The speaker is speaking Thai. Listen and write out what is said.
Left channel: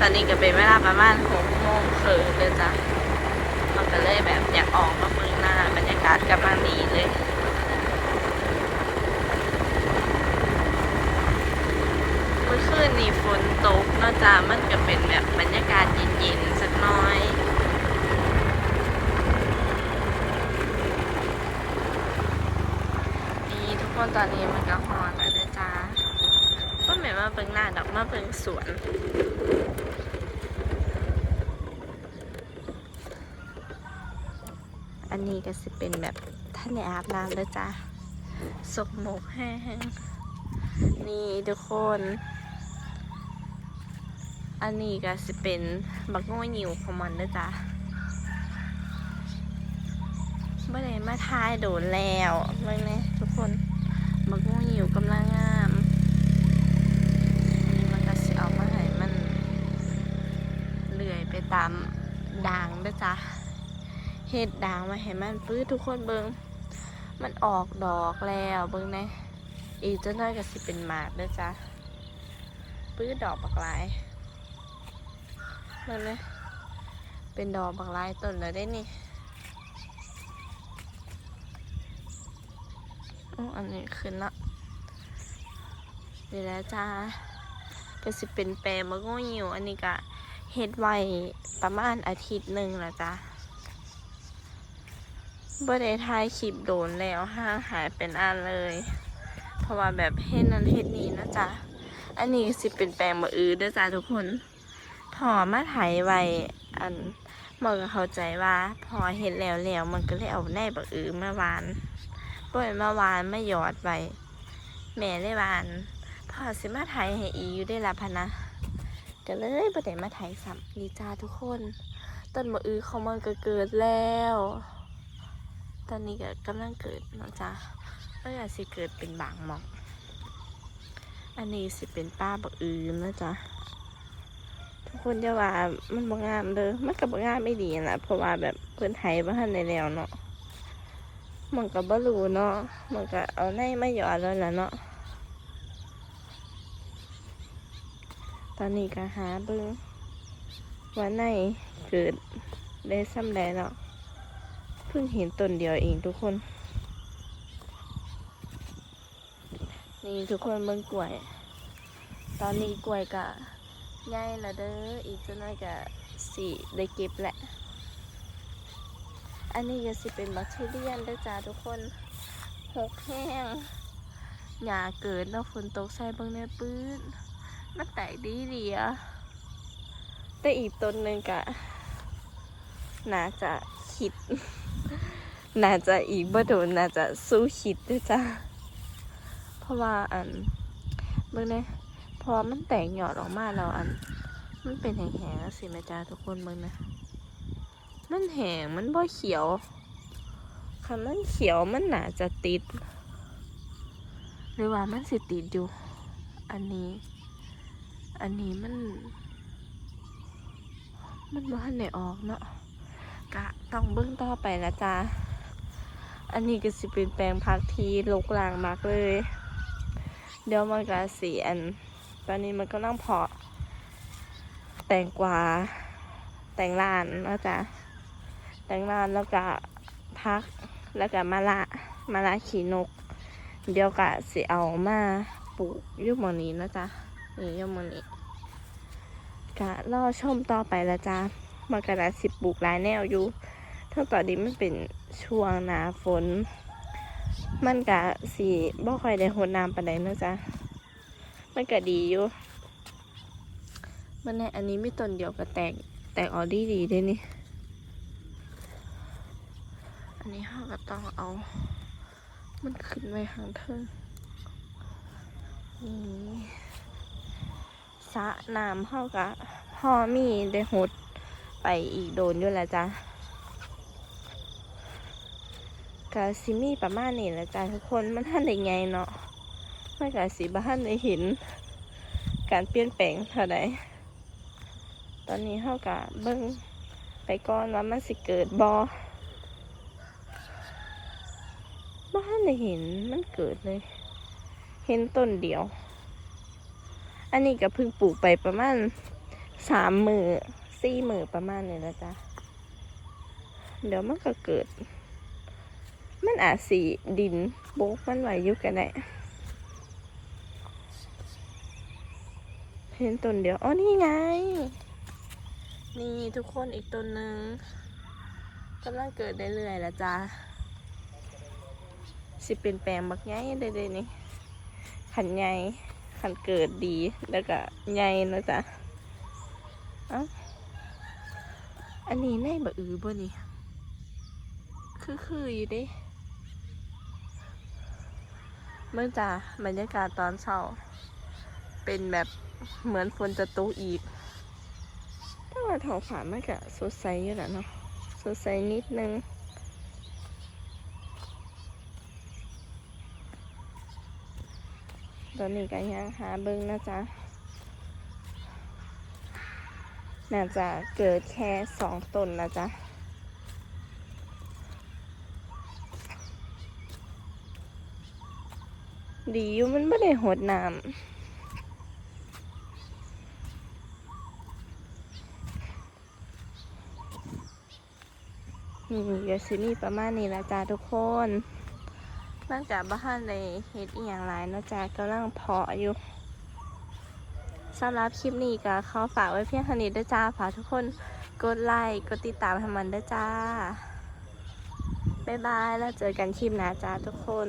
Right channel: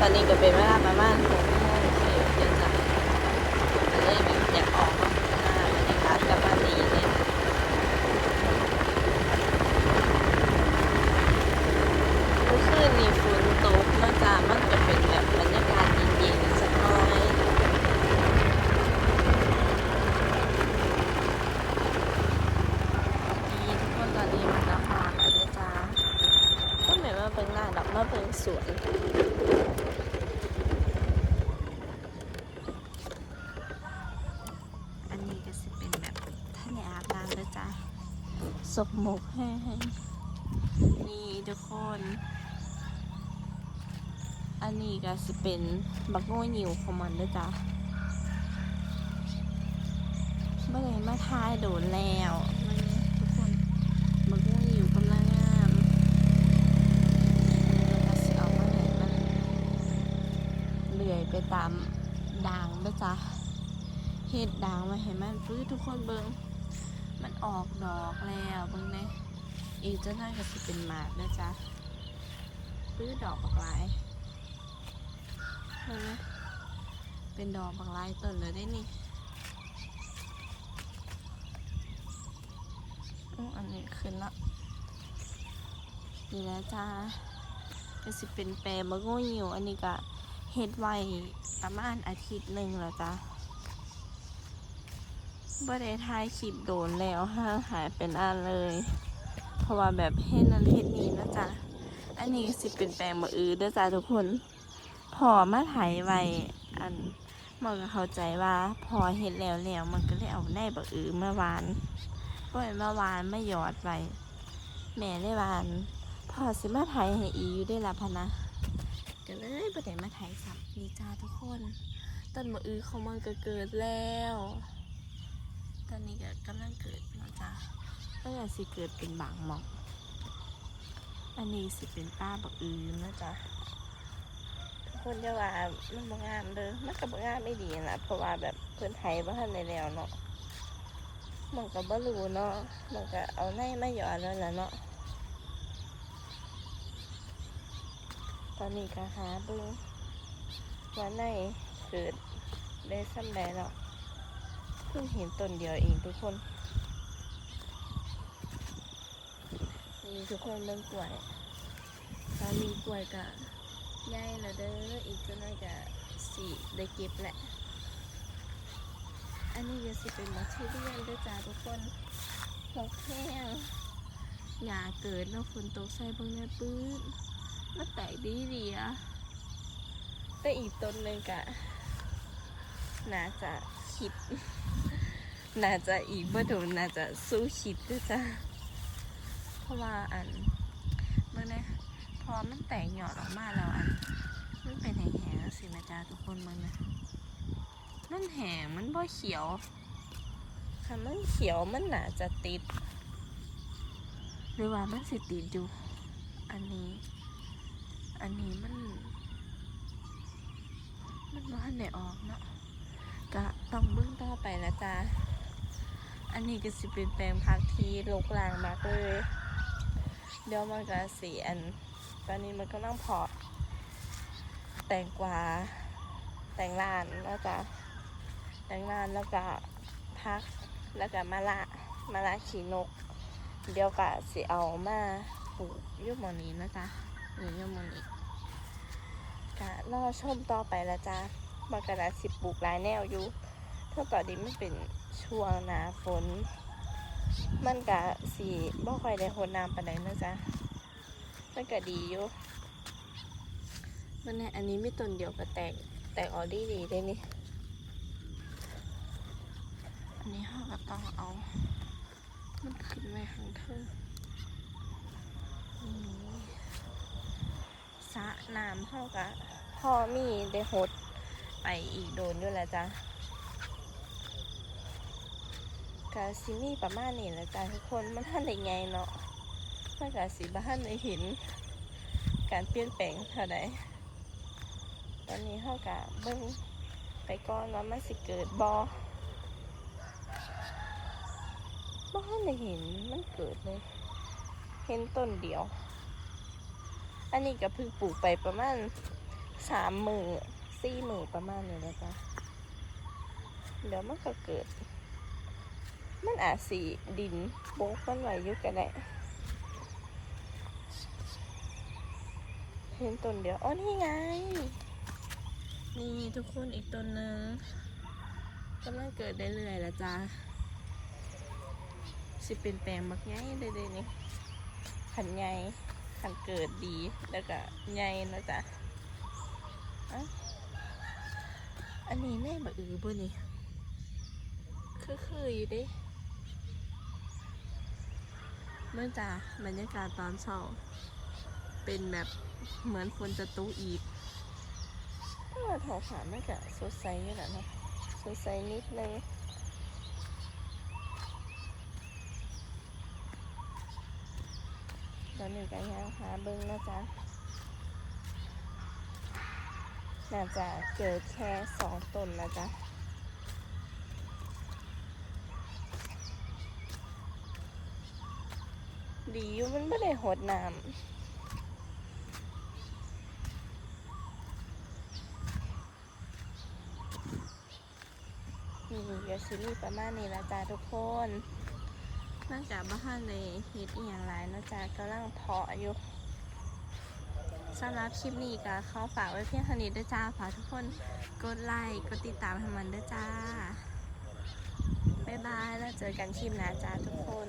ตอนนี้ก็เป็นเวลาประมาณหกโมงเสิร์ฟจจ้ะมันก็เลยแบบอยากออกมามือหน้าบรรยากาศกลับมาดีเลยเมื่อคืนนี้ฝนตกนอกจากมันก็เป็นแบบบรรยากาศเย็นๆสักน้อยนี่ทุกคนตอนนี้มันก็ฮอนเลยจ้าก็เหมือนว่าเบิ่งหน้าดอกมาเบิ่งสวน ก็สิเป็นแบบท่านในอาบน้ำเด้อจ้าสกหมกแห้งนี่ทุกคน อันนี้ก็สิเป็นบักโง่หิวของมันเด้อจ้าไม่ได้มาทายโดนแล้วไม่แน่ เฮ็ดด่างมาให้มันปื้ดทุกคนเบิงมันออกดอกแล้วเบิงน่อีกเจ้าน้อยก็สิเป็นหมากด้อจ้าปื้ดดอกบักหลายมันเลยเป็นดอกบางลายต้นเลยได้นี่อ๋ออันนี้ขึ้นละนี่แหละจ้าก็สิเป็นแปรมะงูหิวอันนี้ก็เฮ็ดไว้ประมาณอาทิตย์หนึ่งละจ้า บ่ได้ถ่ายคลิปโดนแล้วห่างหายเป็นอันเลย เพราะว่าแบบเฮ็ดนั้นเฮ็ดนี้นะจ๊ะ อันนี้สิเป็นแปลงมะอือเด้อจ้าทุกคนพอมาไถไว้อันมันก็เข้าใจว่า พอเห็นแล้วแล้วมันก็เลยเอาแน่บักอือมาวานปล่อยมาวานไม่หยอดไว้แม่ได้วานพอสิมาไถให้อีอยู่ได้ละพะนะก็เลยประเด็มาไถซ้ำดีจ้าทุกคน ต้นมะอือของมันก็เกิดแล้ว ตอนนี้ก็กำลังเกิดนะจ้าก็อยากสิเกิดเป็นบางหมอก อันนี้สิเป็นป้าบักอือนะจ๊ะทุกคนจะว่ามันบางงามเด้อมันกับบางงามไม่ดีนะเพราะว่าแบบเพื่อนไทยบ้านในแล้วเนาะมันกับบรูเนาะมันก็เอาในไม่หยอดแล้วล่ะเนาะตอนนี้ก็หาบิ้งว่าในเกิดได้ซ้ำใดเนาะ เพิ่งเห็นต้นเดียวเองทุกคน นี่ทุกคนเบิ้งกล้วย ตอนนี้กล้วยกะได้แล้วเด้อ อีกจะน่อยก็สิได้เก็บแหละ อันนี้ก็สิเป็นบักทุเรียนเด้อจ้าทุกคนหกแห้งหญ้าเกิดแล้วฝนตกใส่เบางในปื้นมันแตกดีดีๆอะแต่อีกต้นหนึ่งกะน่าจะคิด น่าจะอีกบ่โดนน่าจะสู้คิดเด้อจ้าเพราะว่าอันเบิ่งเนี่ยพอมันแตกหยอดออกมาแล้วอัน มันเป็นแห้งๆสิแม่จ้าทุกคนมึงนะมันแห้งมันบ่เขียวคันมันเขียวมันน่าจะติด หรือว่ามันสิติดอยู่ อันนี้ อันนี้มัน มันบ่ทันได้ออกเนาะกะต้องเบิ่งต่อไปละจ้า อันนี้ก็สิเป็นแปลงพักที่ลกลางมากเลย เดี๋ยวมันก็สีอัน ตอนนี้มันก็ต้องเพาะ แตงกวา แตงลานนะจ๊ะแตงลานแล้วก็พัก แล้วก็มะละมะละขีนก เดี๋ยวก็สิเอามาปลูกยุหมอนี้นะจ๊ะนี่ยุหมอนี้ก็รอชมต่อไปละจ้ะมันก็ได้สิบปลูกหลายแนวอยู่ ถ้าตอนนี้มันเป็นช่วงหนาฝน มันก็สีบ่ค่อยได้หดน้ำปานใดเนะจ๊ะ มันก็ดีอยู่ มันในอันนี้ไม่ต้นเดียวก็แตกแตกออดีดีด้วยนี่ อันนี้เขาก็ต้องเอา มันขึ้นไว้ข้างเทิงนี่สะน้ำเขาก็พ่อมีได้หดไปอีกโดนอยู่แล้วจ้ะ กะซิมีประมาณนี้แหละจ้ะทุกคนมันท่านได้ไงเนาะไม่กะสีบ้านได้เห็นการเปลี่ยนแปลงเท่าใดตอนนี้เท่ากับเบิ้งไปก่อนว่ามันสิเกิดบอบ้านได้เห็นมันเกิดเลย เห็นต้นเดียว อันนี้ก็เพิ่งปลูกไปประมาณสามมือสี่มือประมาณนี้นะจ๊ะเดี๋ยวมันก็เกิด มันอาจสีดินบุกมันไหวอยุกันแหละเห็นต้นเดียว อ๋อ นี่ไง นี่ทุกคนอีกต้นหนึ่งกำลังเกิดได้เรื่อยล้วจ้าสิเป็นแปลงบักใหญ่เด้ๆนี่ ขันใหญ่ขันเกิดดี แล้วก็ใหญ่นะจ๊ะอ้าอันนี้แม่บะอือบ่นี่คือคืออยู่ดิ เมื่อจ้าบรรยากาศตอนเช้า เป็นแบบเหมือนฝนจะตกอีกถ้าว่าท้องฟ้ามันก็สดใสอยู่แหละเนาะสดใสนิดนึงตอนนี้ก็ยังหาเบิ้งนะจ๊ะน่าจะเกิดแค่สองตนนะจ๊ะ ดีอยู่มันไม่ได้หดน้ำนี่เดี๋ยวสิมีประมาณนี้ละจ้าทุกคนหลังจากบ้านเลยเฮ็ดอหย่างไรนะจ๊ะกำลังเพาะอยู่สำหรับคลิปนี้ก็ขอฝากไว้เพียงเท่านี้ด้วยจ้าฝากทุกคนกดไลค์กดติดตามให้มันด้วยจ้า บ๊ายบาย แล้วเจอกันคลิปหน้าจ้าทุกคน